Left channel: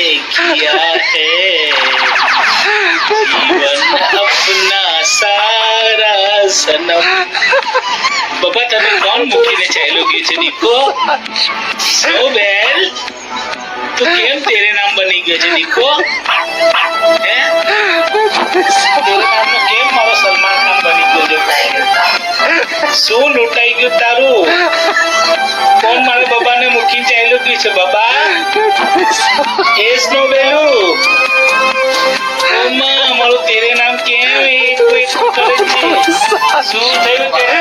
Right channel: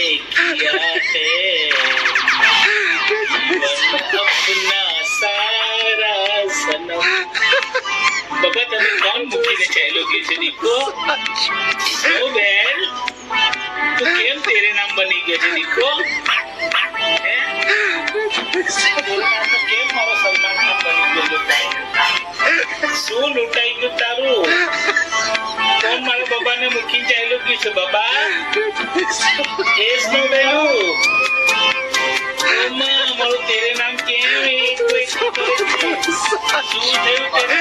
हमने किया है जीवन अपना सारा सनम बाबा तने कौन મૂકીને ચાલ્યો ગયો છે દીકો સોબેલ તો કેમ તેરે નામ બની ગયો છે દીકો હે તેરે નામનો કેમ મારો સલમાન ખાન બની ગયો છે શું લૂંટાઈ ગયું તારું કોણ મારા બાબાને મૂકીને ચાલ્યો ગયો છે બાબા એસ નો બેલું અમ્મા મારું તેરે નામ કેમ એક કરે છે શું થયું તેરે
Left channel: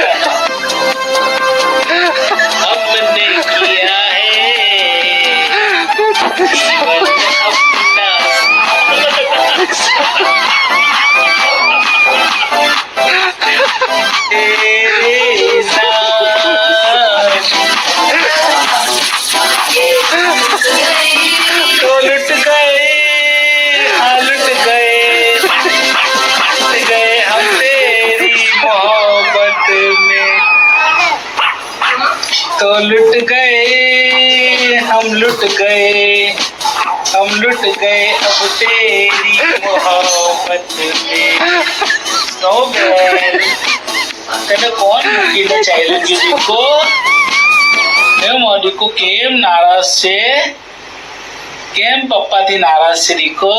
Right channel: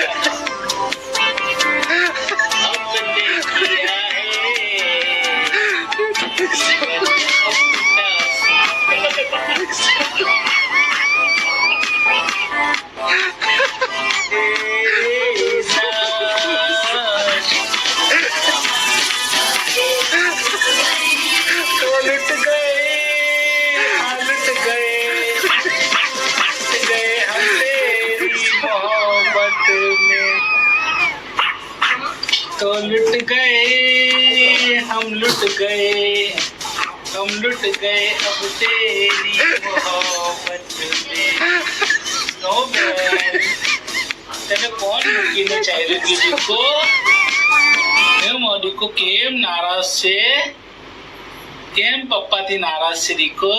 हमने किया है जीवन अपना तेरे नाम तो लुट गए हाँ लुट गए हम तेरी मोहब्बत में तो लुट गए हम लुट गए अब तेरी मोहब्बत में सोबेल તને કોણ મૂકીને ચાલ્યો ગયો દીકો એ મોડીકો કેમ નારાજ છે કેમ પપ્પાથી નારાજ છે દીકો